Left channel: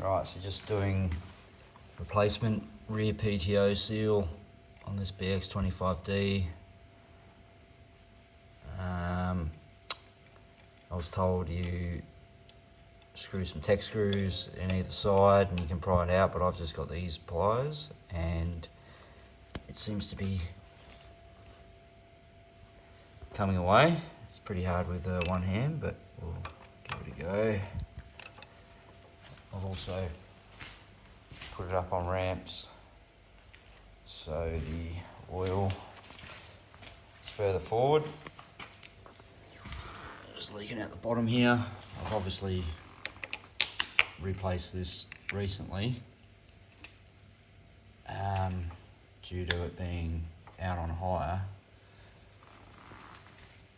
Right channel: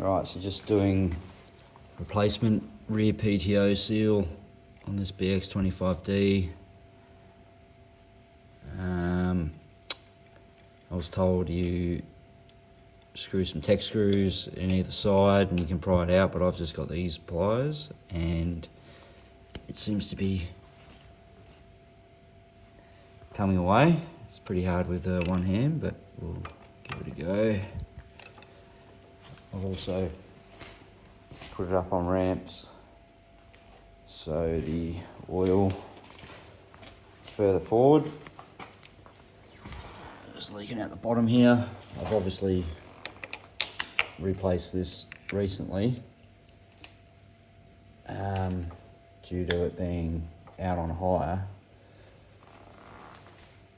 Right, so just doing replacement rear PTO seal on this BX25D. I was told you screw some tech screws in either side and you can pry it out, but I've just got these pliers and it seems to be coming away. It's pretty hard with one hand, but we'll give it a go. I'll also put it up on ramps so the oil is further forward. Just leaking out the bottom here. I've obviously replaced this recently due to it being out on hire,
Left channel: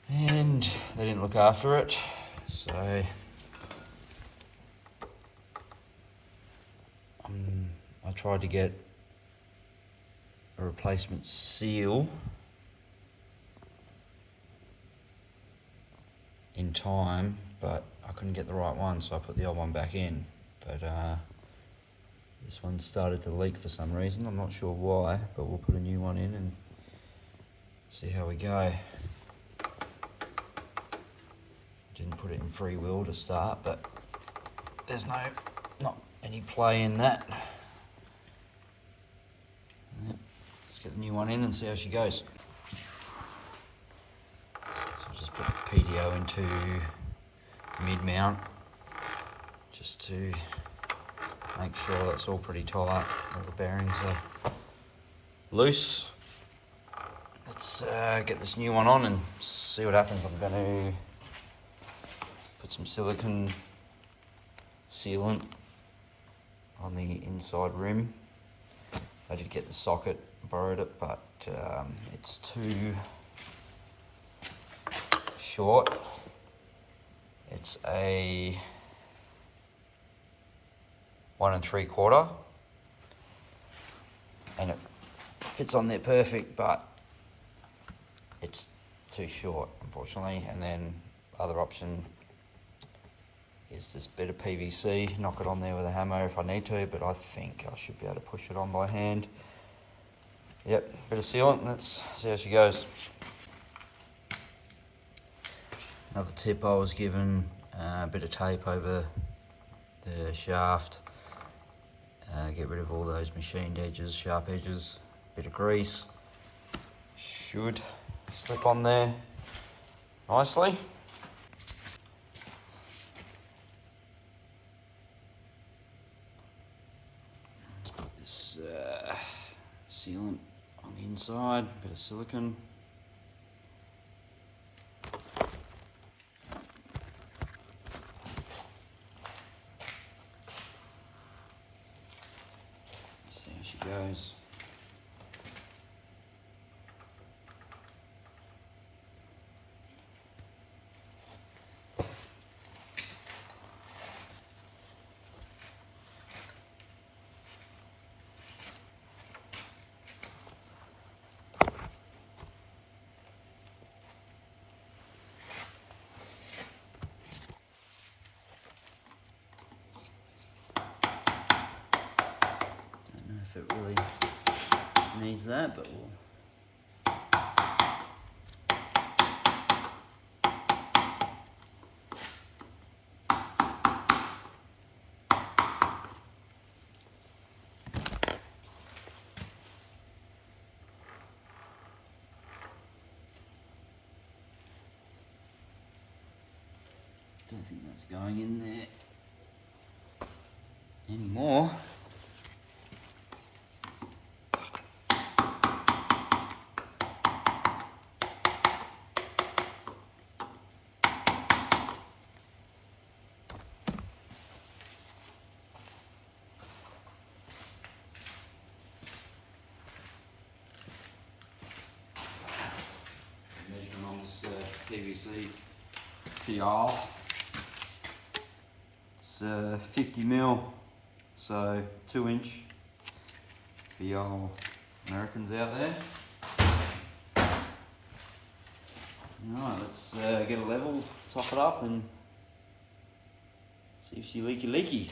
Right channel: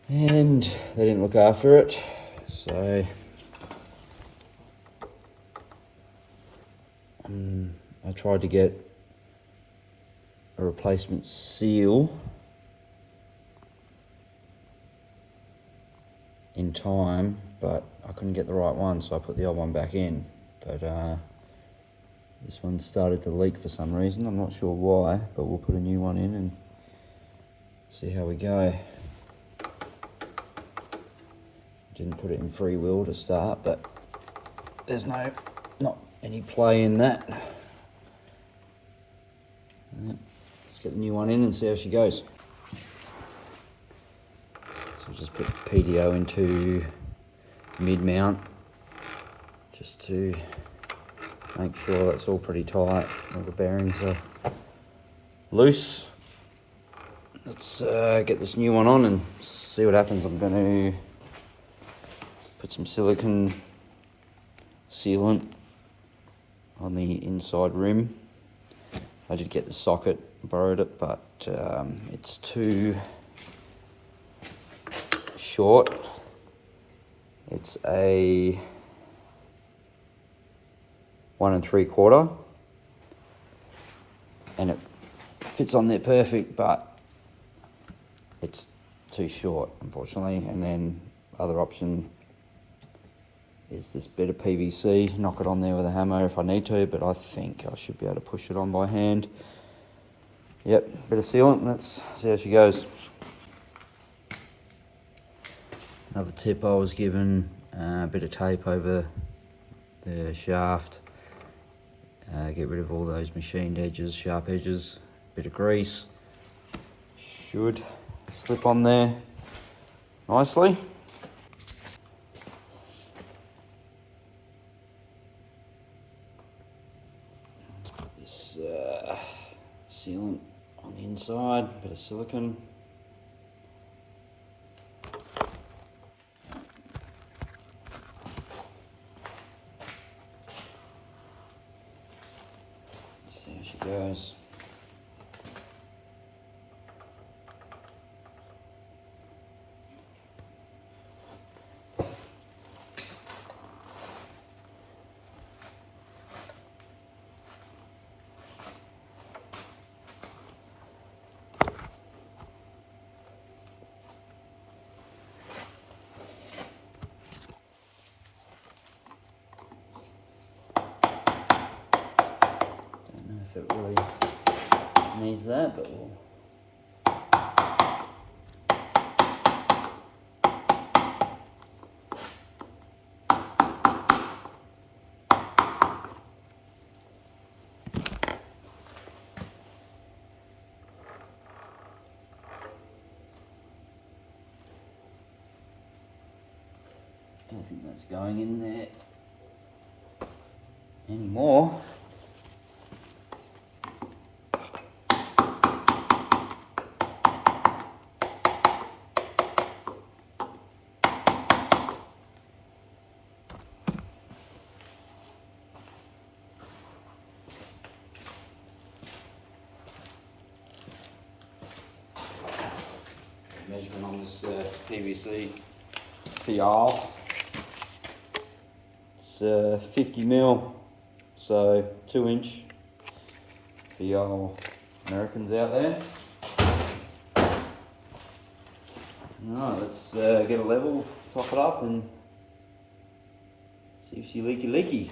and they didn't look after it, so I tried to get a replacement seal in time, but I couldn't get the right one, so I put the old one back in. But this one started to leak for some reason. I'm not sure why, but we'll put a new one in and see how we go. Didn't put it in free will to start, but there's not any play in that. Let's get the new one in and see how she goes. So just put PTO into mid-mount just to make sure that's all pretty tight and the bearings are loose. Let's get this new one on and see what happens. I'm going to put some silicone sealant on the inside rim. I did get the socket, borrowed it, but it's too short. It's a 1 3/4, and it fits on there perfect, but it's too short, unfortunately. And then other option is this bit of PVC, knock it on there with a hammer if I need to, but I think I should be able to push it on by hand. Yep, bit of sealant, let's see how she goes. Another tip I was given, a bit of tape over the shaft, get rid of all those machined edges, sharp edges, bit of grease, should slip on there nicely. Let's put this sealant on the inside, bit of silicone. See how she goes. If it really needs that, but we'll don't think that's going in there anymore. Measurement on this PVC fial. It's 50 mil, so 2-inch for y'all Americans out there. Alright, let's get a level, top it up and see if she leaky.